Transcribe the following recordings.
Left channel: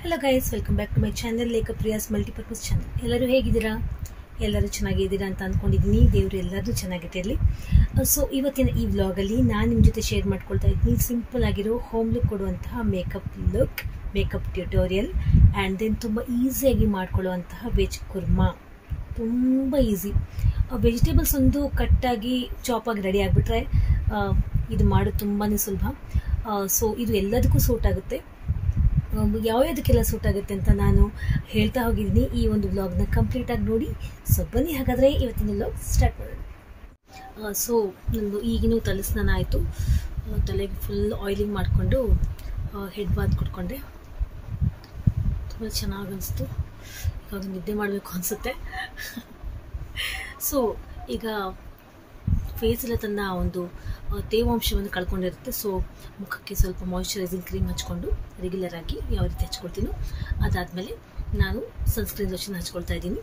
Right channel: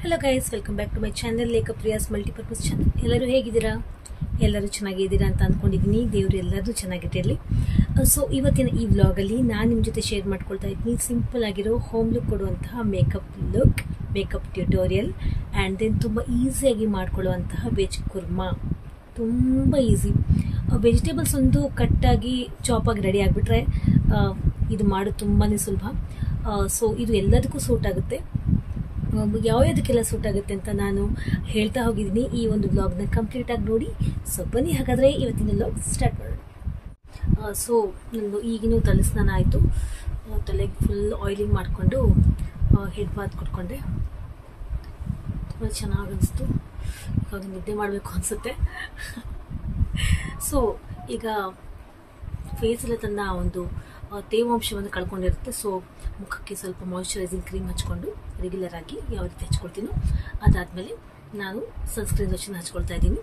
Hello guys, welcome back to my channel Lekha Priya's multipurpose channel. ಎಲ್ಲರೂ ಹೇಗಿದ್ದೀರಾ? ಎಲ್ಲರೂ ಚೆನ್ನಾಗಿದ್ದೀರಾ ಅಂತ ಅಂದ್ಕೊಂಡಿದ್ದೀನಿ. ದೇವರು ಎಲ್ಲರೂ ಚೆನ್ನಾಗಿಟ್ಟಿರಲಿ. ಸೊ ಇವತ್ತಿನ ಈ ವ್ಲಾಗಲ್ಲಿ ನಾನು ನಿಮ್ಮ ಜೊತೆ ಶೇರ್ ಮಾಡ್ಕೊಳ್ತಾ ಇದ್ದೀನಿ ಸಿಂಪಲ್ ಆಗಿರೋ ಹೋಮ್ ಲುಕ್ ಕೊಡುವಂತಹ ಮೇಕಪ್ ಟ್ಯೂಟೋರಿಯಲ್ ಆ್ಯಂಡ್ ದೆನ್ ತುಂಬ ಈಸಿಯಾಗಿ ಮಾಡ್ಕೊಳ್ಳುವಂತಹ ವೆಜ್ ಕುರ್ಮಾ. ತುಂಬ ಈಸಿ. ವೆಜಿಟೇಬಲ್ಸ್ ಒಂದು ಕಟ್ಟಾಗಿ ಚಾಪಾಗಿ ರೆಡಿ ಆಗಿಬಿಟ್ರೆ ಇದು ಮಾಡೋದು ತುಂಬಾ ಸುಲಭ. ಸೊ ಇದು ಎಲ್ಲದಕ್ಕೂ ಸೂಟ್ ಆಗುತ್ತೆ. ಯಾವುದಕ್ಕೆಲ್ಲ ಸೂಟ್ ಆಗುತ್ತೆ ಅಂತ ನಾನು ಹೇಳ್ತಾ ಹೋಗಿದ್ದೀನಿ. ಈ ಒಂದು ವ್ಲಾಗ್ನ ಕಂಪ್ಲೀಟಾಗಿ ನೋಡಿ. ಸೊ ಬನ್ನಿ ಹಾಗಾದರೆ ಇವತ್ತಿನ ವ್ಲಾಗ್ ಸ್ಟಾರ್ಟ್ ಮಾಡೋಣ. ಸೊ ನಂದು ಈಗಿನೂ ತಲೆ ಸ್ನಾನ ಆಯಿತು. ತಲೆಗೆ ಫುಲ್ ಆಯಿಲಿಂಗ್ ಮಾಡಿಕೊಂಡು ಹೆಡ್ ಬಾತ್ ಕೊಟ್ಕೊಂಡೆ. ತುಂಬ ಚೆನ್ನಾಗಿ ಅನಿಸ್ತು. ಇವಾಗ ನಿದ್ದೆ ಮಾಡಬೇಕು ಅನಿಸುತ್ತೆ. ಸೊ ಈಗ ಫೇಸ್ ಎಲ್ಲ ತನ್ನ ಒಂದು ತೇವಾಂಶವನ್ನು ಕಳ್ಕೊಂಡಿರುತ್ತೆ. ಸೊ ಮುಖಕ್ಕೆ ಸ್ವಲ್ಪ ಮಾಯಿಶ್ಚರೈಸಿಂಗ್ ಕ್ರೀಮ್ ಹಚ್ಕೊಂಡು ರೆಗ್ಯುಲರ್ ಆಗಿ ಯಾವ ರೀತಿ ಹಚ್ಕೊಳ್ತೀನೋ ಅದಾದಮೇಲೆ ನಾನು ಸನ್ಸ್ಕ್ರೀನ್ ಲೋಷನ್ ಹಚ್ಕೊಳ್ತಾ ಇದ್ದೀನಿ.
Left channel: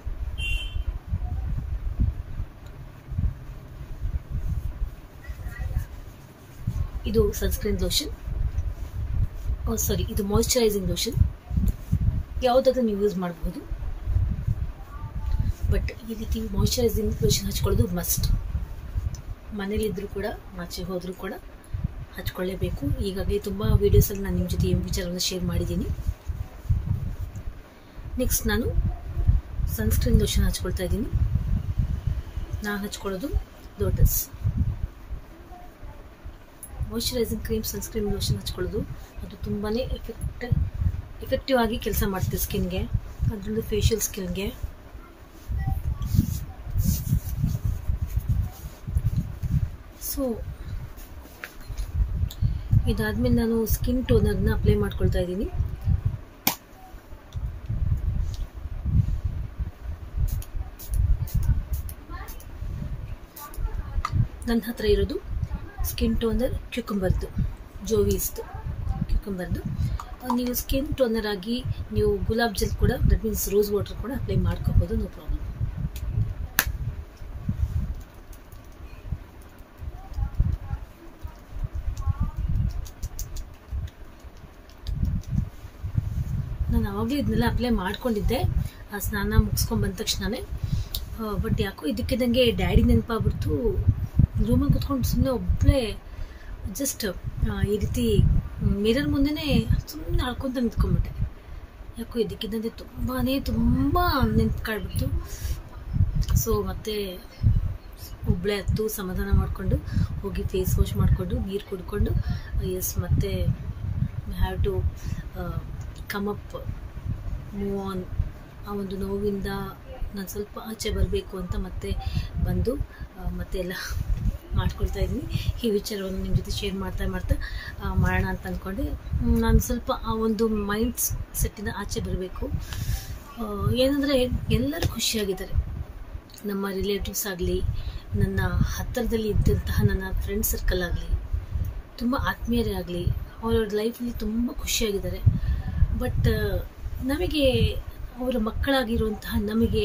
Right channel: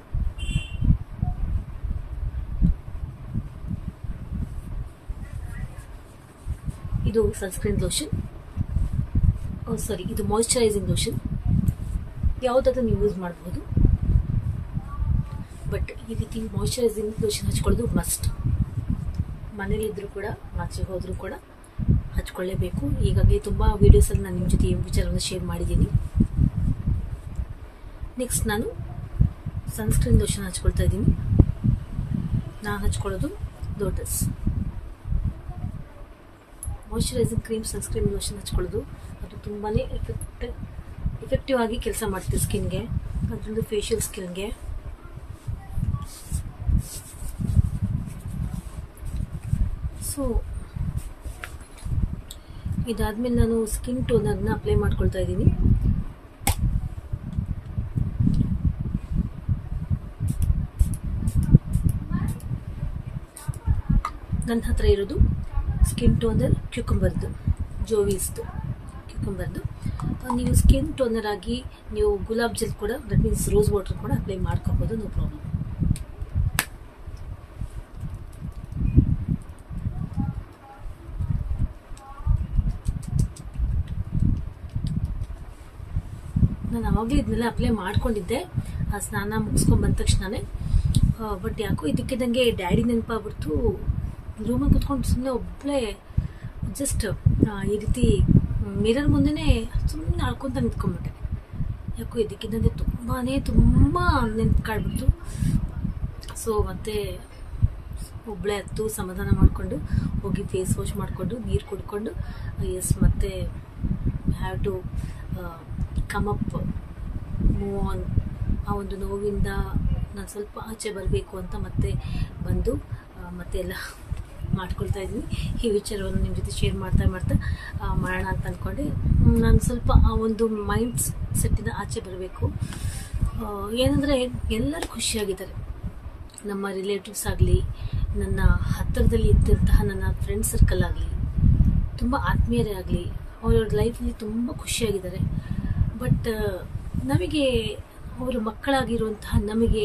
ಇದು ಸನ್ಸ್ಕ್ರೀನ್ ಲೋಷನ್, ಇದು ಮಾಯಿಶ್ಚರೈಸಿಂಗ್ ಲೋಷನ್. ಯಾವುದಾದ್ರೂ ನೀವು ಯೂಸ್ ಮಾಡಬಹುದು, ಬಟ್ ಈ ರೀತಿ ಮಾಯಿಶ್ಚರೈಸಿಂಗ್ ಲೋಷನ್ ಹಚ್ಕೊಳ್ಳೋದು ಮಸ್ಟ್. ಮನೇಲಿದ್ದರೂ ಕೂಡ ಆಚೆ ಹೋದರೂ ಕೂಡ ಹಚ್ಕೊಳ್ಳೇಬೇಕು. ಹೀಗಾಗಿ ತುಂಬ ವೀಡಿಯೋಸಲ್ಲಿ ನಾನು ನಿಮ್ಮ ಜೊತೆ ಈ ವಿಚಾರವನ್ನು ಶೇರ್ ಮಾಡಿದ್ದೀನಿ. ನೆಕ್ಸ್ಟ್ ನಾನು ಸನ್ಸ್ಕ್ರೀನ್ ಲೋಷನ್ ಹಚ್ಕೊಳ್ತಾ ಇದ್ದೀನಿ. ನಾನು ಹಚ್ಕೊಳ್ಳೋದು lotus moisturizing cream. Sunscreen lotion ಹಚ್ಕೊಳ್ಳೋದು ಅದು ತುಂಬಾ ಎಫೆಕ್ಟಿವ್ ಆಗಿ ಕೆಲಸ ಮಾಡ್ತೀವಿ ಸ್ಕಿನ್ಗೆ, ಅದರಲ್ಲೂ ಫೇಶಿಯಲ್ ಸ್ಕಿನ್ಗೆ. ಸೊ ಇದಾದ್ಮೇಲೆ ನಾನು ಸ್ಕಿನ್ ಟೋನರ್ನ ಅಪ್ಲೈ ಮಾಡ್ಕೊಳ್ತಾ ಇದ್ದೀನಿ. ನನ್ನ ಹತ್ರ ಇರೋದು ಸ್ಕಿನ್ ಟೋನರ್ ಕ್ಯೂಕಂಬರ್ದು, ಜೋವೀಸ್ದು ಕ್ಯೂಕಂಬರ್ದು. ನೀವು ಸ್ಕಿನ್ ಟೋನರ್ ಆಗಿ ನೀವು ಗುಲಾಬ್ ಜೆಲ್ ಕೂಡ, ದಟ್ ಮೀನ್ಸ್ ರೋಸ್ ವಾಟರ್ ಕೂಡ ಅಪ್ಲೈ ಮಾಡ್ಕೋಬೋದು, ನೋ ಪ್ರಾಬ್ಲಮ್. ನಾನು ಆವಾಗಲೇ ಇದನ್ನೆಲ್ಲ ಅಪ್ಲೈ ಮಾಡ್ಕೊಂಡಿದ್ದೆ ಆ ಸ್ನಾನ ಮುಗಿಸ್ಕೊಂಡು ಬಂದ ತಕ್ಷಣವೇ. ಬಟ್ ಯಾಕೋ ಇದಕ್ಕಿದ್ದಂಗೆ ಡ್ಯಾಡಿ ನೆನಪಾಗ್ಬಿಡ್ತು. ರೂಮಲ್ಲಿ ಕುತ್ಕೊಂಡು ಸುಮ್ಮನೆ ಒಬ್ಬಳೇ ಜಸ್ಟ್ ಈ ರೀತಿ ಮಿರರ್ ಮುಂದೆನೇ ಸುಮ್ಮನೆ ಆಡ್ಕೊತ ನಿಂತ್ಕೊಂಡ್ಬಿಟ್ಟೆ. ಯಾಕೋ ಇದಕ್ಕಿದ್ದಂಗೆ ತುಂಬ ನೆನಪು ಕಾಡ್ಬಿಡ್ತು. ಸೊ ಮತ್ತೆ ಒಬ್ಬಳೇ ಹತ್ತು ಸಮಾಧಾನ ಮಾಡಿಕೊಂಡು ಹೋಗಿ ಫೇಸ್ ವಾಶ್ ಮಾಡಿಕೊಂಡು ನೀರು ಕುಡ್ಕೊಂಡು ಮತ್ತೆ have to come up, move on. ಆ ಒಂದು ನೋವಿಂದ ನಾನು ಸ್ವಲ್ಪ ಆಚೆ ಬರಬೇಕು ಅಂತ ಮತ್ತೆ ಬಂದು ಮತ್ತೆ ಎಲ್ಲ ಮಾಡ್ಕೊಳ್ತಾ ಇದ್ದೀನಿ. ಈ ವಿಚಾರವನ್ನು ನಿಮ್ಮ ಜೊತೆ ಶೇರ್ ಮಾಡ್ತಾ ಮಾಡೋಣ ಅಂತ ಅಂದ್ಕೊಂಡೆ. ನಾನು ಸ್ವಲ್ಪ ಆ ಒಂದು ಮೈಂಡ್ ಸೆಟ್ಟಿಂದ ಆಚೆ ಬರಬೇಕು. ಏನಂದರೆ ಎಲ್ಲರೂ ಖುಷಿಯಾಗಿದ್ದಾರೆ. ನಮ್ಮ ರಿಲೇಟಿವ್ಸ್ ಆಗಲಿ, ನನ್ನ ಹತ್ತಿರದಲ್ಲಿ ಇದ್ದಂತಹ ನನ್ನ ಫ್ರೆಂಡ್ ಸರ್ಕಲ್ ಆಗಲಿ, ತುಂಬ ಆತ್ಮೀಯರೇ ಆಗಲಿ, ಅವರ ಲೈಫಲ್ಲಿ ತುಂಬ ಖುಷಿಯಾಗಿದ್ದಾರೆ. ಬಟ್ ನಮಗೆ ಅವರ ಮಕ್ಕಳಾಗಿರುವಂತಹ ನಮಗೆ,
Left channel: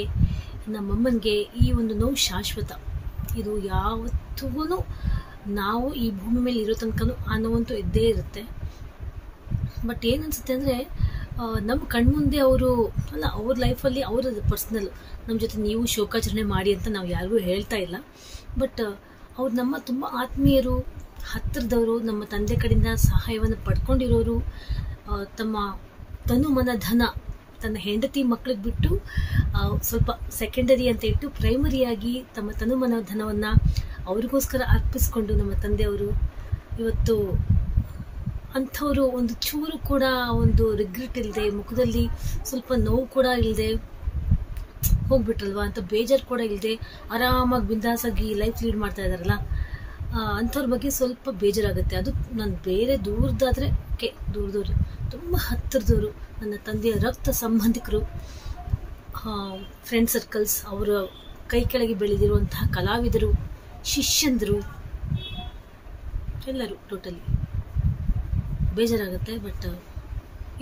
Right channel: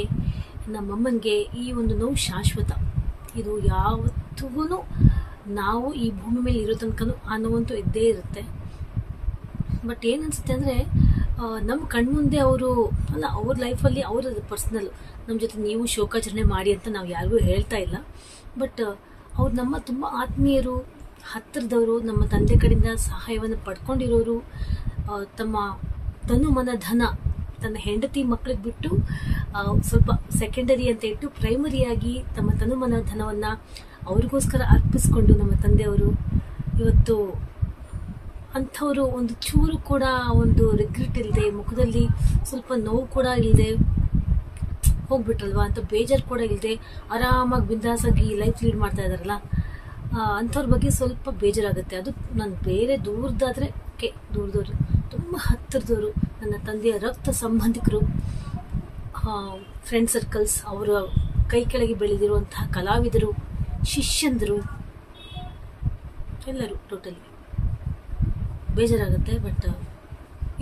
ನಮ್ಮಮ್ಮನಿಗೆ ಈ ಒಂದು ನೋವು ಶಾಶ್ವತ. ಇದು ಯಾವತ್ತೂ ನಾವು ಈ ಭೂಮಿ ಮೇಲೆ ಇರೋ ತನಕ ಆ ನೋವಂತೂ ಇದ್ದೇ ಇರುತ್ತೆ. ಬಟ್ ಏನನ್ಸುತ್ತೆ ಅಂದರೆ ನಮ್ಮ ಕಣ್ಮುಂದೆ ಅವರು ಅಲ್ಲ, ಅವ್ರ ಲೈಫಲ್ಲಿ ಅವರ ಪರ್ಸ್ನಲ್, ನಮ್ಮ ಜೊತೆ ನೀವು ಶೋಕಾಚರಣೆ ಮಾಡಿ ಅಂತ ನಾವು ಯಾರಿಗೂ ಹೇಳ್ತಾ ಇಲ್ಲ. ಬಟ್ ಅವ್ರು ನಮ್ಮ ತುಂಬ ಆತ್ಮೀಯರು, ಹತ್ತಿರದವರು, ನಮ್ಮ ತಂದೆ ಕಡೆಯಿಂದ ಸಹಾಯವನ್ನು ಪಡ್ಕೊಂಡಿರೋರು, ತಮ್ಮ ತನು ಮನ ಧನ ತನ್ನ ಹೆಂಡತಿ ಮಕ್ಕಳಿಗೆ ಬಿಟ್ಟು ಸ್ವಲ್ಪ ಸೆಕೆಂಡರಿ ಅಂತ ಇಟ್ಟು ಪ್ರೈಮರಿಯಾಗಿ ತಮ್ಮ ತನು ಮನ ಧನವನ್ನು ಅವ್ರಿಗೋಸ್ಕರ ಅರ್ಪಿಸ್ಕೊಂಡು ನಮ್ಮ ತಂದೆಯವರು ಇವತ್ತು ಅಂಥವರು ಒಂದು ಚೂರು ಕೂಡ ಒಂದು ರಿಗ್ರೆಟ್ ಇಲ್ಲದೆ, ಮುಖದಲ್ಲಿ ಸ್ವಲ್ಪ ನೋವು ಕೂಡ ಇಲ್ಲದೆ ಹೋಗ್ಬಿಟ್ರಲ್ವ ಅಂತ ಬೇಜಾರು ಕೂಡ ಇಲ್ಲದೆ ಆರಾಮಾಗಿ ಬಿಂದಾಸಾಗಿ ಲೈಫ್ ಲೀಡ್ ಮಾಡ್ತಾ ಇದ್ದಾರಲ್ಲ, ಅಂಥವ್ರ ಬಗ್ಗೆ ಸ್ವಲ್ಪ ಬೇಜಾರಾಗುತ್ತೆ. ಅದು ನಾನು ಬೇರೆ ದೂರದಾದರೆ ಓಕೆ, ದೂರದವ್ರು, ತುಂಬ ಹತ್ತಿರದವರು, ನನ್ನ ತಂದೆಯ ರಕ್ತ ಸಂಬಂಧಿಕರು, ಫ್ರೆಂಡ್ ಸರ್ಕಲ್ಸ್, ಅವರ ಕೈ ಕೆಳಗೆ ಬೆಳೆದಿರುವಂತಹ ಕಲಾವಿದರು, ಶಿಷ್ಯಂದರು, ಎಲ್ಲರೂ ಟೋಟಲಿ ಬೇಜಾರಾಗುತ್ತೆ. ಬಟ್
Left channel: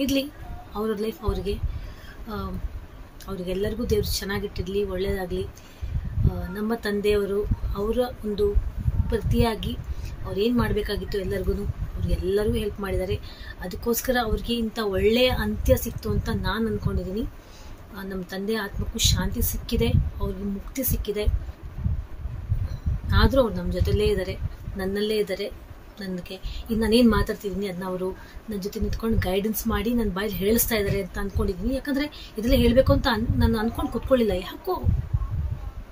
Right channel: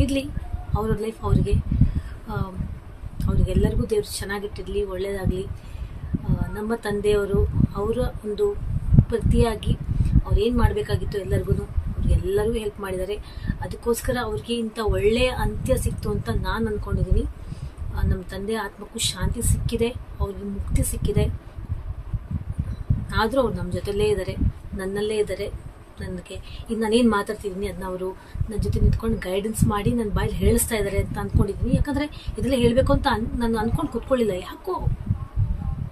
ಇರಲಿ, ಅವ್ರ ಲೈಫ್ ಅವರಿಗೆಲ್ಲರಿಗೂ ದೇವ್ರು ಚೆನ್ನಾಗಿಟ್ಟಿರಲಿ, ಒಳ್ಳೆಯದಾಗಲಿ. ನಮ್ಮ ತಂದೆಯವರು ಅವರ ಒಂದು ಪ್ರತಿಯಾಗಿ ಅವ್ರೇನು ಮಾಡಬೇಕಾಗಿತ್ತು ಎಲ್ಲರಿಗೂ ಅವ್ರಿಗೆಲ್ಲರೂ ಹೆಲ್ಪ್ ಮಾಡಿದ್ದಾರೆ. ಅದಕ್ಕೋಸ್ಕರ ಅವ್ರಿಗೆ ಇಂಥ ಒಳ್ಳೆಯ ಅಂತ್ಯ ಸಿಕ್ತು ಅಂತ ನಾನು ಅಂದ್ಕೊಂಡಿದ್ದೀನಿ. ನಮ್ಮ ತಂದೆ ಆತ್ಮಕ್ಕೂ ಶಾಂತಿ ಸಿಕ್ಕಿದೆ, ಅವ್ರಿಗೆ ಮುಕ್ತಿ ಸಿಕ್ಕಿದೆ. ಆದರೂ ಅವ್ರು ನಮ್ಮ ಜೊತೆಲೇ ಇದ್ದಾರೆ, ನನ್ನಲ್ಲೇ ಇದ್ದಾರೆ. ನನಗೆ ಈಗ ನಾನೇನು ಮಾತಾಡ್ತಿದ್ದೀನಿ ಅದನ್ನ ಅವರು ನನ್ನ ಜೊತೆ ನಿಂತ್ಕೊಂಡು ಗೈಡೆನ್ಸ್ ಮಾಡಿ ನನ್ನ ಬಾಯಲ್ಲಿ ಹೇಳಿಸ್ತಾ ಇದ್ದಾರೆ ಅಂತ ಅಂದ್ಕೊಂಡಿದ್ದೀನಿ. ಯಾಕಂದರೆ ಇದೆಲ್ಲ ಹೇಳಬೇಕು ಅಂತ ನಾನು ಅಂದ್ಕೊಂಡು ಕೂತ್ಕೊಳ್ಳಿಲ್ಲ, ಯಾಕೋ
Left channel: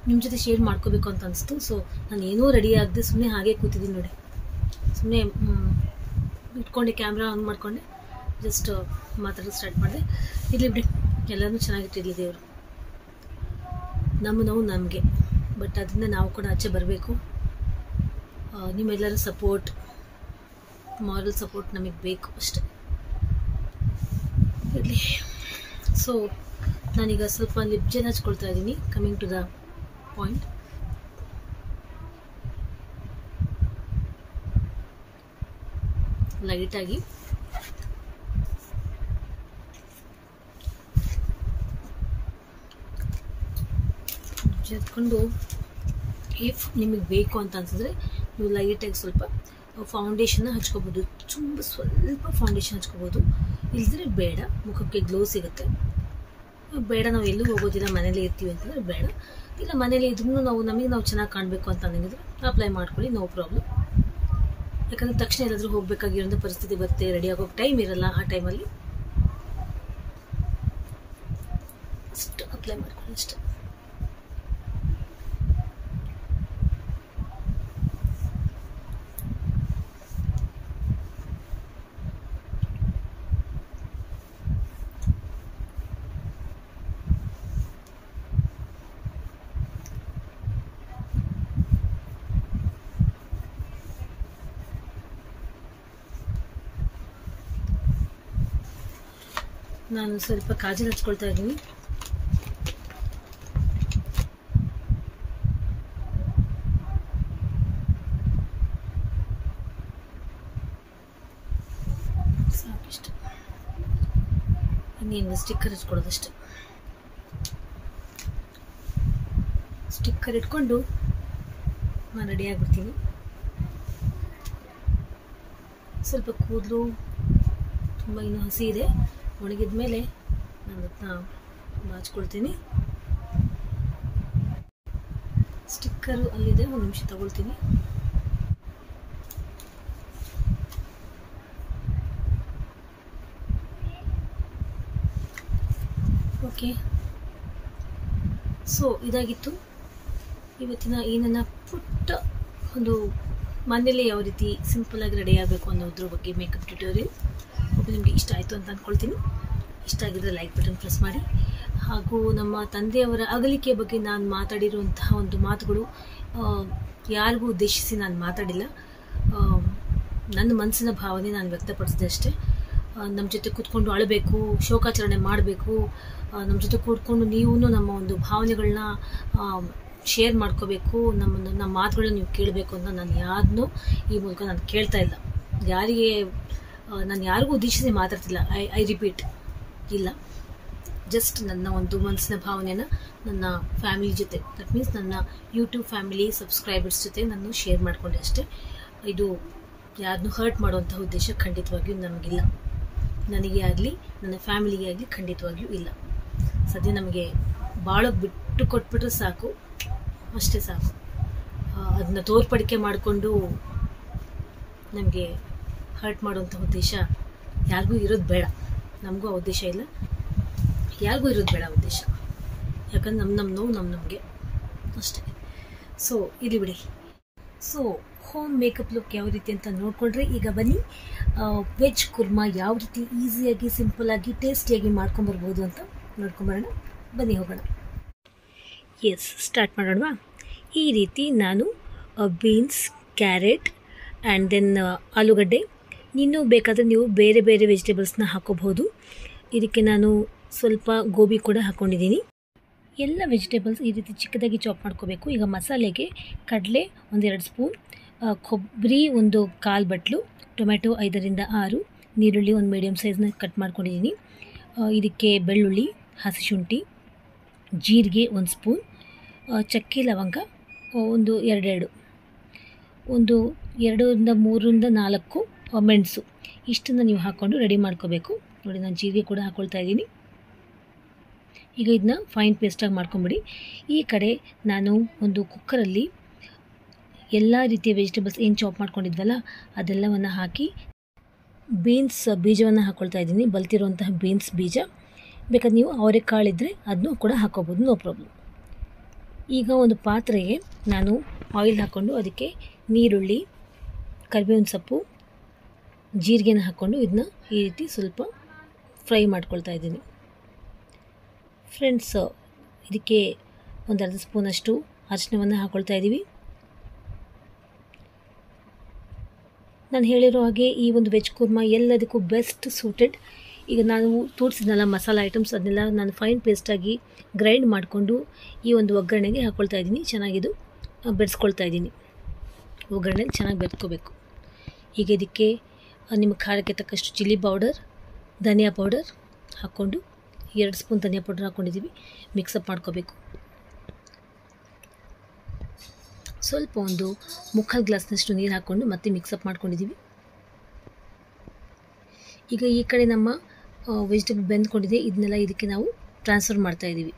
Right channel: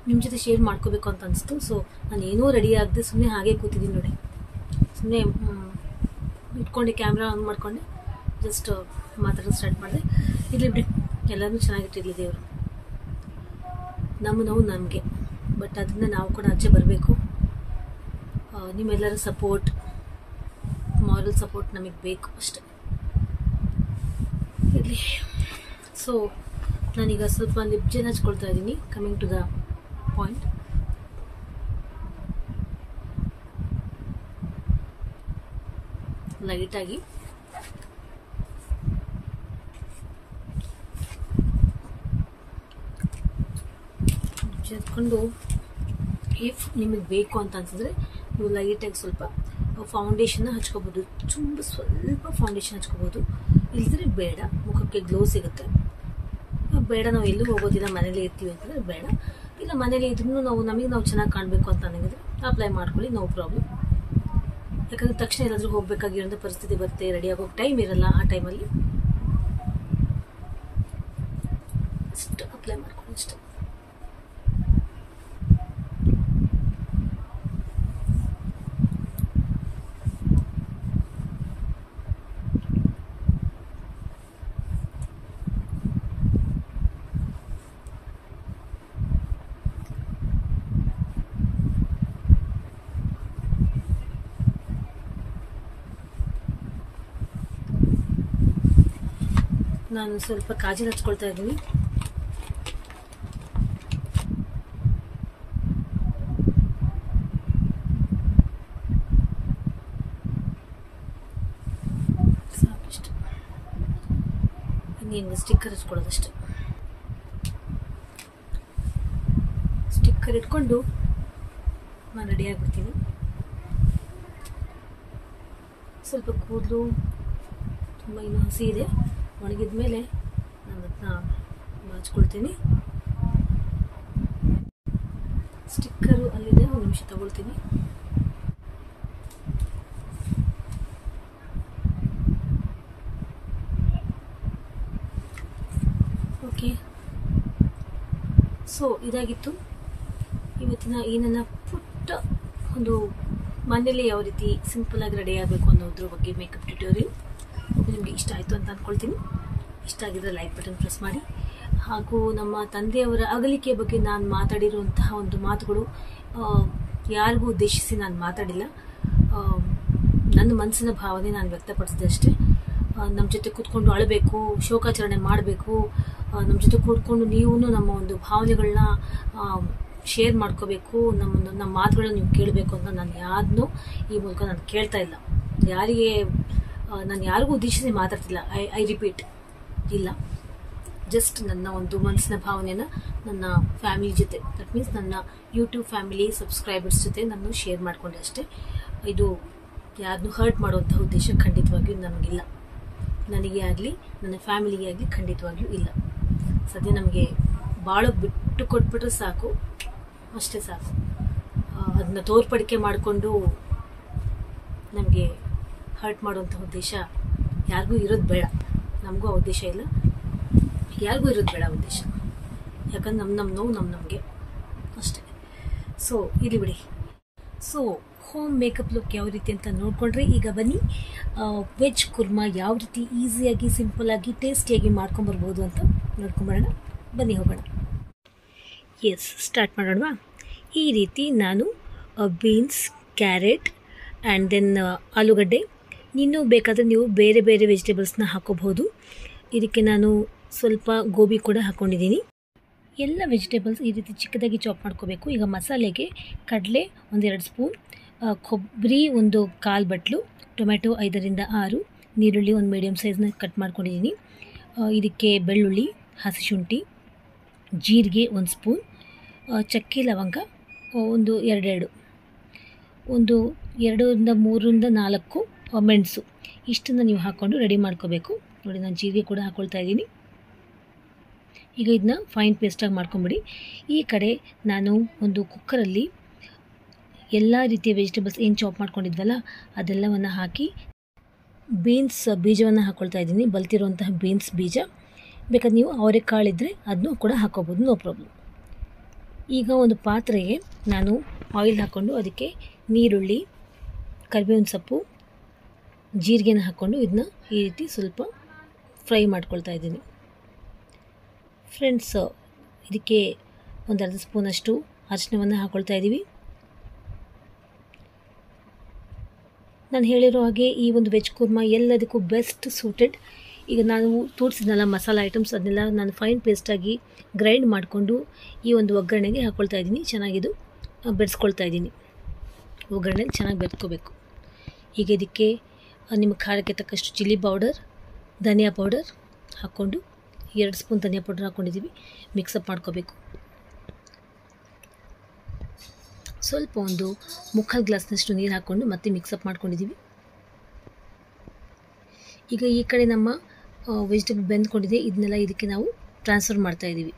ನಿಮ್ಮ ಜೊತೆ ಶೇರ್ ಮಾಡ್ಕೋಬೇಕು ಅಂತ ಅನಿಸ್ತು. ಸೊ ನಾನು ಏನೂ ರೆಡಿ ಆಗದೆ ಸುಮ್ಮನೆ ಹಾಗೆ ಕೂತಿದ್ದೀನಿ ನೋಡಿ. ಸುಮ್ಮನೆ ಇಟ್ಕೊಂಡೆ, ಕ್ಯಾಮ್ರಾ ಆನ್ ಮಾಡಿಕೊಂಡೆ, ಜಸ್ಟ್ ಮಾತಾಡೋದು ಸ್ಟಾರ್ಟ್ ಮಾಡಿದೆ. ಇರಲಿ ಬಿಡಿ, ಎಲ್ಲರೂ ಚೆನ್ನಾಗಿಟ್ಟಿರಲಿ ದೇವರು. ನಮ್ಮ ನೋವು ನಮಗೆ, ಬಟ್ ಅದರಿಂದ ನಾವು ಕೂಡ ಆಚೆ ಬರಬೇಕು. ನಿಮ್ಮೆಲ್ಲರ ಸಪೋರ್ಟ್, ಮಾರಲ್ ಸಪೋರ್ಟ್ ನಮಗೆ ಬೇಕು ಅಷ್ಟೆ. ಇರಲಿ. ಸೊ ನಾನೀಗ ಸ್ವಲ್ಪ ಲಿಪ್ ಜೆಲ್ ಹಚ್ಕೊಳ್ತಾ ಇದ್ದೀನಿ. Coming to the point. ಲೈಟಾಗಿ ಹಚ್ಕೊಂಡು, ಇಫ್ ನಿಮಗೆ ಬೇಕು ಅಂತ ಅನ್ಸಿದ್ರೆ ನೀವು ಲೈಟಾಗಿ ಸ್ವಲ್ಪ ಫೌಂಡೇಶನ್ನ ಹಚ್ಕೋಬೋದು. ಸ್ವಲ್ಪ ಫೌಂಡೇಶನ್ ಹಚ್ಕೋಬೋದು, ಇಲ್ದಿದ್ರೆ ಬೇಡ. ಮುಖಕ್ಕೆ ಗ್ಲೋ ಸಿಗುತ್ತೆ. ಬೇಡ ನಾವು ಎಲ್ಲೂ ಹೋಗೋದಿಲ್ಲ, ಮನೇಲೇ ಇರ್ತೀವಿ ಅಂತಂದರೆ ಬೇಡ. ಇಲ್ಲ ಮನೇಲಿ ಇದ್ರೂ ನಾವು ಚೆನ್ನಾಗಿ ಕಾಣಬೇಕು ಅಂತ ಅನ್ನಂಗಿದ್ರೆ ಅಪ್ಲೈ ಮಾಡ್ಕೊಳ್ಳಿ, ನೋ ಪ್ರಾಬ್ಲಮ್. ಯಾಕಂದರೆ ತಕ್ಷಣ ಎಲ್ಲಾದರೂ ಹೋಗಬೇಕಾಗಿರೋಂಥ ಪರಿಸ್ಥಿತಿ ಬರುತ್ತೆ, ರೆಡಿ ಆಗೋಕ್ಕೆ ಟೈಮ್ ಇರಲ್ಲ. ಆ ಟೈಮಲ್ಲಿ ಅಷ್ಟು ಅಪ್ಲೈ ಮಾಡ್ಕೊಳ್ಳಿ ಅಷ್ಟೆ. ನಾನು ಸ್ವಲ್ಪ ಕಾಜಲ್ ಹಚ್ಕೊಳ್ತಾ ಇದ್ದೀನಿ. ಸಾಕಿಷ್ಟು. ಇನ್ನೇನು ಸ್ಟಿಕ್ಕರ್ ಹಚ್ಕೊಳ್ಳೋದಷ್ಟೆ. ಸ್ಟಿಕ್ಕರ್ ಇಟ್ಕೊಂಡು ನಾನು ರೆಡಿ ಆಗಿಬಿಡ್ತೀನಿ. ಸ್ವಲ್ಪ ಕೂದಲು ತುಂಬ ಇನ್ನೂ ಹಸಿ ಇದೆ, ಒಣಗಿದ ಮೇಲೆ ನಾನು ಅದನ್ನ ಬಾಚ್ಕೊಳ್ತೀನಿ. ಸ್ಟಿಕ್ಕರು ಅಲ್ಲಿದೆ, ಒಂದು ನಿಮಿಷ ತಗೊಳ್ತೀನಿ. ಓಕೆ, ಸೊ ಇದಾಗಿತ್ತು ಇವತ್ತಿನ ಈ ನನ್ನ ಪುಟ್ಟ ಒಂದು ಮನೇಲಿ ಯಾವ ರೀತಿ ಸಿಂಪಲಾಗಿ ರೆಡಿ ಆಗಬೇಕು ಅನ್ನೋದ್ರ ಬಗ್ಗೆ ಮೇಕಪ್ ಟ್ಯುಟೋರಿಯಲ್. ನಿಮಗೆ ಇಷ್ಟ ಆಯಿತು ಅಂತ ಅಂದ್ಕೊಳ್ತೀನಿ. ಇಷ್ಟ ಆಗಿದ್ರೆ ಲೈಕ್ ಬಟನ್ ಪ್ರೆಸ್ ಮಾಡಿ. ಹಾಗೂ ನಮ್ಮ ತಂದೆಯವರ ಅಗಲಿಕೆ ಬಗ್ಗೆ ನಾನು ಮಾತಾಡಿರುವಂತಹ ಒಂದು ಮಾತುಗಳು ಯಾರಿಗೂ ಉದ್ದೇಶಿಸಿ ನಾನು ಮಾತಾಡಿಲ್ಲ. ನನ್ನ ಮನಸ್ಸಿನ ಭಾವನೆ ನಾನು ವ್ಯಕ್ತಪಡಿಸಿದೆ ಅಷ್ಟೇ. ನಮ್ಮ ಜೊತೆ ಕೂತ್ಕೊಂಡು ಅಳಬೇಕು, ಶೋಕಾಚರಣೆ ಮಾಡಬೇಕು, ನಮ್ಮ ಜೊತೆ ಕೂತ್ಕೊಂಡು ನೀವು ನಮ್ಮ ಒಂದು ಭಾವನೆಗಳನ್ನ ಶೇರ್ ಮಾಡ್ಕೋಬೇಕು, ನಮ್ಮ ಮಾತುಗಳನ್ನ ನೀವು ಕೇಳಬೇಕು ಅಂತ ನಾನು ಯಾರನ್ನೂ ಈ ಮೂಲಕ ನಾನು ಕೇಳ್ತಾ ಇಲ್ಲ. ನಾನು ಯಾರಿಗೂ ಉದ್ದೇಶಿಸಿ ಮಾತಾಡ್ತಿಲ್ಲ. ಐ ರಿಪೀಟ್, ಇಲ್ಲ, ಜಸ್ಟ್ ನನ್ನ ಒಂದು ಮನಸ್ಸಿನ ಭಾವನೆನ ನನ್ನ ಫ್ಯಾಮಿಲಿ ಜೊತೆ, ದಟ್ ಮೀನ್ಸ್ ನನ್ನ ಯೂಟ್ಯೂಬ್ ಫ್ಯಾಮಿಲಿ ಸಬ್ಸ್ಕ್ರೈಬರ್ಸ್ ಜೊತೆ ನಾನು ಶೇರ್ ಮಾಡಿಕೊಂಡೆ ಅಷ್ಟೇ. ಇದು ಯಾರನ್ನೂ ಹರ್ಟ್ ಮಾಡುವಂಥ ಉದ್ದೇಶ ಖಂಡಿತವಾಗಿಯೂ ನಮಗಿಲ್ಲ. ನನಗೆ ಆಗಲಿ ನನ್ನ ಫ್ಯಾಮಿಲಿಗೆ ಆಗಲಿ ಖಂಡಿತವಾಗಿಯೂ ಇಲ್ಲ. ಸದ್ಯ ನಮಗೆ ಬಾಳೋಕ್ಕೆ ಬಿಟ್ಟು ಕೊಟ್ಬಿಟ್ರೆ ಸಾಕು, ಅಷ್ಟೇ ಸಾಕು. ಅದನ್ನ ತೋರ್ಪಡಿಕೆ ಮಾಡಿಕೊಂಡು ನಮಗೆ ಹರ್ಟ್ ಮಾಡುವಂಥ ಉದ್ದೇಶ ಯಾರಿಗೂ ಇರೋದು ಬೇಡ. ನಮಗೂ ಆ ಉದ್ದೇಶ ಇಲ್ಲ, ಯಾರಿಗೂ ಇರೋದು ಬೇಡ ಉದ್ದೇಶ. ಯಾಕಂದ್ರೆ ನಮ್ಮ ನೋವು ನಮಗೆ ಅಷ್ಟೇ. ಸೊ ಇಲ್ಲಿ ಬಿಡಿ. ಸೊ ಹೋಮ್ ಮೇಕಪ್ ಲುಕ್ ಯಾವ ರೀತಿ ಅಂತ ನೋಡಿಕೊಂಡ್ರೆ, ಈಗ ಬನ್ನಿ ವೆಜ್ ಕುರ್ಮಾ ಯಾವ ರೀತಿ ಈಸಿಯಾಗಿ ಸಿಂಪಲ್ಲಾಗಿ ಟೇಸ್ಟಿಯಾಗಿ ಮಾಡ್ಕೊಂಬರ್ಬೋದು ಅಂತ ನೋಡ್ಕೊಂಬರೋಣ. ಬನ್ನಿ ಹೋಗೋಣ. ಎಸ್, ಸ್ಟಾರ್ಟ್ ಮಾಡೋಣವಾ? ಈ ರೀತಿ ನಾನು ಬೀನ್ಸ್, ಕ್ಯಾರೆಟ್ ಆ್ಯಂಡ್ ದೆನ್ ಆಲೂಗಡ್ಡೆ, ಇನ್ನೂ ಬೇಕಾದರೆ ನೀವು ಬೇರೆ ಬೇರೆ ವೆಜಿಟೇಬಲ್ಸ್ನ ಹಾಕೋಬಹುದು. ಇದಕ್ಕೆ ನಾನು ಸ್ವಲ್ಪ ಗೋಬಿ ಕೂಡ ಹಾಕ್ಕೊಂಡಿದ್ದೀನಿ. ಎಲ್ಲ ವೆಜಿಟೇಬಲ್ಸ್ ಈ ರೀತಿ ಚಿಕ್ಕದಾಗಿ ಚಾಪ್ ಮಾಡ್ಕೋಬೇಕು. ಈಗ ಮಸಾಲೆಗೆ ಕಡಲೆ 1-2 ಸ್ಪೂನ್, ಕೊಬ್ಬರಿ 1/4 ಬಟ್ಲು, ಟೊಮೆಟೊ 5ರಿಂದ 6, ನೀರುಳ್ಳಿ 1 ಮೀಡಿಯಮ್ ಸೈಜ್ನ ಕಟ್ ಮಾಡ್ಕೊಂಡಿದ್ದೀನಿ. ಇದಕ್ಕೆ ಬೆಳ್ಳುಳ್ಳಿ, ಹಸಿ ಶುಂಠಿ, ಜೀರಿಗೆ 1 ಸ್ಪೂನ್, ಚಕ್ಕೆ ಲವಂಗ 1-2, 2ರಿಂದ 3ರಿಂದ 4 ಮೆಣಸು ಇಷ್ಟನ್ನು ನೀವು ಹಾಕ್ಕೊಂಡು ರೆಡಿ ಮಾಡ್ಕೋಬೇಕು. ನೋಡಿ ನಾನು ಜೀರಿಗೆ ಕೂಡ ಹಾಕ್ಕೊಳ್ತಾ ಇದ್ದೀನಿ. ಈಗ ಇದನ್ನ ಫೈನ್ ಪೇಸ್ಟಾಗಿ ಮಾಡ್ಕೊಂಬಿಡಿ. ಈ ಕಡೆ ನಾನು ಒಂದು ಕುಕ್ಕರಲ್ಲಿ ಎಲ್ಲ ರೀತಿಯ ವೆಜಿಟೇಬಲ್ಸ್ ಏನು ಚಾಪ್ ಮಾಡ್ಕೊಂಡಿದ್ವಲ್ಲ ಅದೆಲ್ಲವನ್ನು ಹಾಕಿ ಬೀನ್ಸ್ ಬೀಜವನ್ನು ಹಾಕ್ಕೊಳ್ತಾ ಇದ್ದೀನಿ. ಬಲ್ತಿರುವಂತಹ ಬೀನ್ಸ್ ಬೀಜ, ಬೇಕಾದ್ರೆ ನೀವು ಅವರೆಕಾಳಿದ್ರೆ ಅದನ್ನು ಕೂಡ ಹಾಕ್ಕೋಬೋದು, ನೋ ಪ್ರಾಬ್ಲಮ್. ಈಗ ಒಂದು ಪಾತ್ರೆಗೆ ನಾನು ಆಯಿಲ್ ಹಾಕ್ಕೊಂಡು ಅದಕ್ಕೆ ನೀರುಳ್ಳಿ, ಕರಿಬೇವಿನ ಸೊಪ್ಪು, ಜೀರಿಗೆನ ಹಾಕ್ಕೊಂಡು ಇದನ್ನ ಈ ರೀತಿ ಸ್ವಲ್ಪ ಫ್ರೈ ಮಾಡ್ಕೊಳ್ತಾ ಇದ್ದೀನಿ. ಫ್ರೆಂಡ್ಸ್, ಇದಕ್ಕೆ ಒಂದು ಅರ್ಧ ಸ್ಪೂನಷ್ಟು ಅರಿಶಿನವನ್ನು ಹಾಕ್ಕೊಳ್ತಾ ಇದ್ದೀವಿ. ನಾನು ಹೇಳಿರೋ ಹಾಗೆ ಈ ಒಂದು ವೆಜ್ ಕುರ್ಮಾ ಎಲ್ಲದಕ್ಕೂ ಬೆಸ್ಟ್ ಸೂಟೆಡ್. ಈಗ ನಾನು ತೋರಿಸಿದ್ನಲ್ಲ ಮಸಾಲ ಐಟಮ್ಸ್, ಅದನ್ನೆಲ್ಲ ನಾನು ಫೈನ್ ಪೇಸ್ಟಾಗಿ ಗ್ರೈಂಡ್ ಮಾಡಿಕೊಂಡು ಈ ಒಂದು ಒಗ್ಗರಣೆಗೆ ಹಾಕ್ಕೊಳ್ತಾ ಇದ್ದೀನಿ. ಚೆನ್ನಾಗಿದು ಬೆರೆಸ್ಕೊಳ್ತಾ ಇದ್ದೀನಿ. ಒಗ್ಗರಣೆಗೆ ಚೆನ್ನಾಗಿ ಬೆರೆಸ್ಕೋಬೇಕು. ಈಗ ಇದಕ್ಕೆ ನಿಮ್ಮ ಖಾರಕ್ಕೆ ತಕ್ಕಷ್ಟು ಚಿಲ್ಲಿ ಪೌಡರ್, ಧನಿಯಾ ಪೌಡರ್ ಹಾಕ್ಕೊಂಡು 2 ಸ್ಪೂನ್ ಧನಿಯಾ ಪೌಡರ್ ಹಾಕ್ಕೊಂಡಿದ್ದೀವಿ. ಮಿಕ್ಸಪ್ ಮಾಡ್ಕೋಬೇಕು. ಸ್ವಲ್ಪ ಒಂದು 3/4 ಗ್ಲಾಸ್ನಷ್ಟು ನೀರು ಹಾಕ್ಕೊಂಡು ಮತ್ತೆ ಮಿಕ್ಸಪ್ ಮಾಡ್ಕೊಂಡಿದ್ದೀವಿ. ಈಗ ಈ ಕಡೆ ನಮ್ಮ ವೆಜಿಟೇಬಲ್ ಬೆಂದ್ಕೊಂಡಿದೆ, ಇದನ್ನೆಲ್ಲ ಇದಕ್ಕೆ ನಾವು ಟ್ರಾನ್ಸ್ಫರ್ ಮಾಡ್ತಾಯಿದ್ದೀವಿ.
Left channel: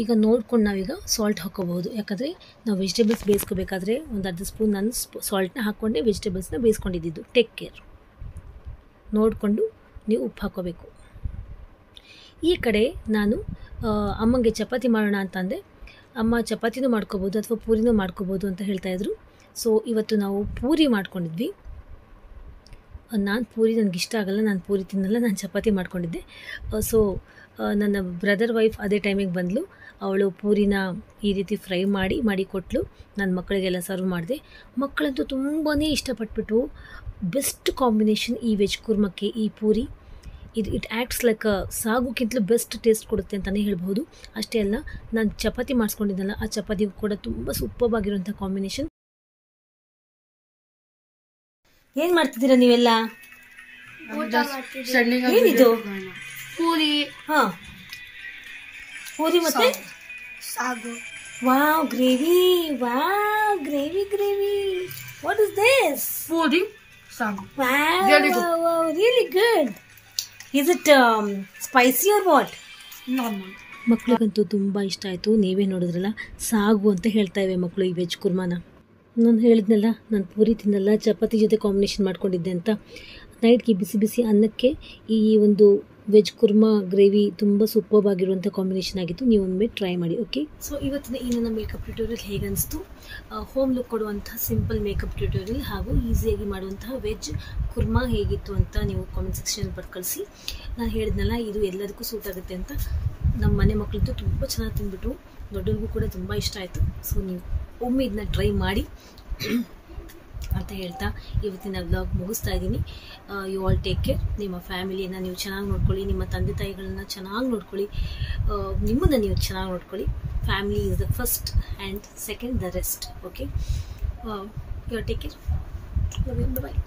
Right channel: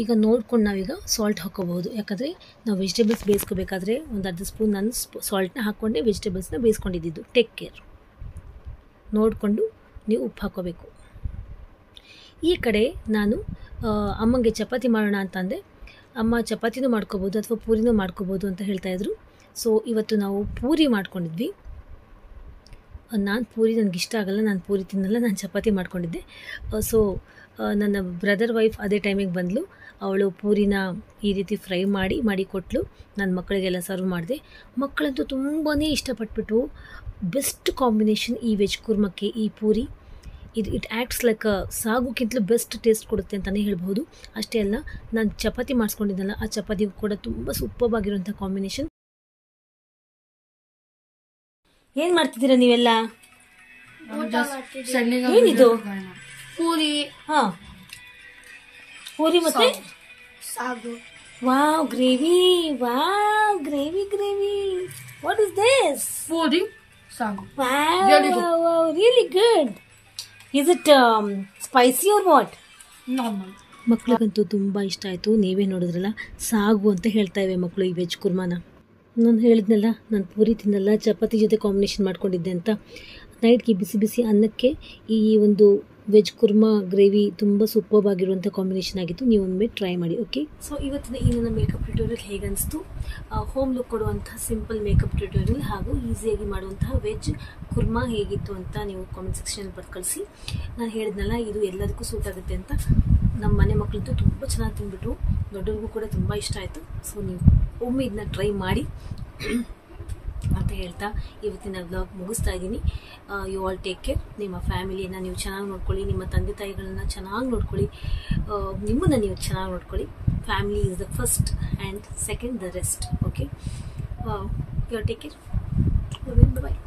ಈಗ ನೋಡ್ಕೊಂಡು ನಾವೀಗ ಸಾಲ್ಟ್ ಹಾಕ್ಕೋಬಹುದು. ಯಾಕಂದರೆ ನಾವು ವೆಜಿಟೇಬಲ್ಸ್ ಬೇಯಿಸ್ಕೋಬೇಕಾದ್ರೆ ಒಂದು ಅರ್ಧ ಸ್ಪೂನ್ ನಾನು ಸಾಲ್ಟ್ನ ಹಾಕ್ಕೊಂಡೆ ವೆಜಿಟೇಬಲ್ಸ್ನ ಬೇಯಿಸ್ಕೊಂಡಿದ್ದು. ಟೇಕ್ ಕೇರ್, ನೋಡಿಕೊಂಡು ನೀವು ಉಪ್ಪು ಹಾಕ್ಕೋಬೇಕು. ಈ ಕಡೆ ನಾನು ಅಮ್ಮಂಗೆ ಚಪಾತಿ ಮಾಡೋಣ ಅಂತಂದೆ. ಅಮ್ಮ ಚಪಾತಿನೂ ಮಾಡ್ಕೋಬೋದು ಅಥವಾ ಪೂರಿನೂ ಮಾಡ್ಕೋಬೋದು ಅಂತ ಹೇಳ್ತಾಯಿದ್ರು. ಸೊ ಇವತ್ತು ನಾವು ಪೂರಿ ಮಾಡ್ಕೊಂಡಿದ್ವಿ. ನಾನು ಪೂರಿ ನನಗಿಷ್ಟ ಆಗಲ್ಲ, ನಾನು ಪೂರಿ ತಿನ್ನಲ್ಲ, ನಾನು ಚಪಾತಿ ಮಾಡ್ಕೊಂಡಿದ್ದೆ. ಸೊ ನನ್ನ ಬ್ರದರ್ ವೈಫ್ ಅದೇ ಟೈಮಿಗೆ ಬಂದಳು. ಅವಳು ಪೂರಿನ ಈ ರೀತಿ ಫ್ರೈ ಮಾಡಿ ಕೊಟ್ಟಳು. ನನ್ನ ಮಕ್ಕಳಿಗೆಲ್ಲ ಸರ್ವ್ ಮಾಡಿದೆ. ಮಕ್ಕಳಂತೂ ತುಂಬಾ ಇಷ್ಟಪಟ್ಬಿಟ್ಟು. ಬೆಸ್ಟ್ ಕಾಂಬಿನೇಷನ್ ಈ ವೆಜ್ ಕುರ್ಮಕ್ಕೆ ಈ ಪೂರಿ. ಇಟ್ ಆ್ಯಕ್ಟ್ಸ್ ಲೈಕ್ ಸಾಗುಕ್ಕಿಂತಲೂ ಬೆಸ್ಟ್ ಟೇಸ್ಟ್ ಕೊಡುತ್ತೆ ಅಂತಲೇ ಹೇಳ್ಬೋದು. ಅಷ್ಟೇ ಅಲ್ಲ, ನಾನು ಚಪಾತಿ ಮಾಡಿಸ್ಕೊಂಡಿದ್ದಲ್ಲ, ಆ ಚಪಾತಿಗೂ ಕೂಡ ತುಂಬ ಸೂಪರ್ಬಾಗಿರುವಂಥ ಕಾಂಬಿನೇಷನ್. ಏನು ಮಾಡ್ತಿದ್ದೀರಾ ನೀವೆಲ್ಲ? ಏನಿದು? ಪೂರಿ. ಹಾಂ, ಪೂರಿ ಮತ್ತೆ sagu. Wow, gravy. Wow, gravy. What is this? Puri sagu. Wow, really good. Is it spicy or what? Normal. ಮಕ್ಳಿಗಂತೂ ತುಂಬ ಇಷ್ಟ ಆಯಿತು. ನೀವೇ ನೋಡಿದ್ರಲ್ಲ, ಸಾಗು ಅಂತ ಹೇಳ್ತಾ ಇವೆ ಮಕ್ಕಳು ಈ ವೆಜ್ ಕುರ್ಮಾನ. ನಾನು ಹೇಳಿದ್ನಲ್ಲ, ನಾನು ಪೂರಿ ತಿನ್ನಲ್ಲ, ಚಪಾತಿ ಜೊತೆ ಕಾಂಬಿನೇಷನ್ ಮಾಡ್ಕೊಂಡಿದ್ದೆ ಅಂತ. ನೈಟ್ಗೆ ಬಿಸಿ ಅನ್ನಕ್ಕೆ ಈ ಒಂದು ವೆಜ್ ಕುರ್ಮಾ ಗ್ರೇವಿ ತುಂಬ ಸೂಪರ್ಬಾಗಿರುವಂಥ ಕಾಂಬಿನೇಷನ್ ಆಗಿತ್ತು. ನೀವು ಒಮ್ಮೆ ಟ್ರೈ ಮಾಡಿ. ಓಕೆ, ಸೊ ಇವತ್ತಿನ ಈ ನನ್ನ ಮೇಕಪ್ ಟ್ಯೂಟೋರಿಯಲ್ ಹೇಗೆ ಅನಿಸ್ತು? ಹೋಮ್ ಲುಕ್ ಕೊಡುವಂಥ ಸಿಂಪಲ್ ಮೇಕಪ್ ಟ್ಯೂಟೋರಿಯಲ್ ಹಾಗೂ ಈಸಿಯಾಗಿ ಮಾಡುವಂತಹ ವೆಜ್ ಕುರ್ಮಾ ಹೇಗಿತ್ತು ಅಂತ ನೀವು ಕಾಮೆಂಟ್ ಸೆಕ್ಷನಲ್ಲಿ ಬರ್ದು ಕಳಿಸಿ. ನಾನು ಹೇಳಿದ್ನಲ್ಲ, ಇದು ಎಲ್ಲದಕ್ಕೂ ಸೂಟ್ ಆಗುತ್ತೆ ಅಂತ. ನಮ್ಮ ಮನೆ ಮಕ್ಕಳಂತೂ ತುಂಬ ಚೆನ್ನಾಗಿ ತಿಂದ್ಬಿಟ್ರು, ದೊಡ್ಡವ್ರಿಗೂ ಕೂಡ ತುಂಬ ಇಷ್ಟ ಆಯಿತು. ಸೊ ನೀವು ಒಮ್ಮೆ ಇದನ್ನ ಟ್ರೈ ಮಾಡಿ ಅಂತ ಹೇಳ್ತಾ ಇವತ್ತಿನ ವ್ಲಾಗ್ ಮುಗಿಸ್ತಾ ಇದ್ದೀನಿ. You all take care. ನಿಮ್ಮ ಫ್ಯಾಮಿಲಿಯನ್ನು ನೀವು ಚೆನ್ನಾಗಿ ನೋಡ್ಕೊಳ್ಳಿ, ನಿಮ್ಮ ತಂದೆ ತಾಯಿಗಳನ್ನ ಚೆನ್ನಾಗಿ ನೋಡ್ಕೊಳ್ಳಿ, ನಿಮ್ಮನ್ನು ನೀವು ಚೆನ್ನಾಗಿ ನೋಡ್ಕೊಳ್ಳಿ. Family is the first and second the rest. Okay, you all take care. Bye.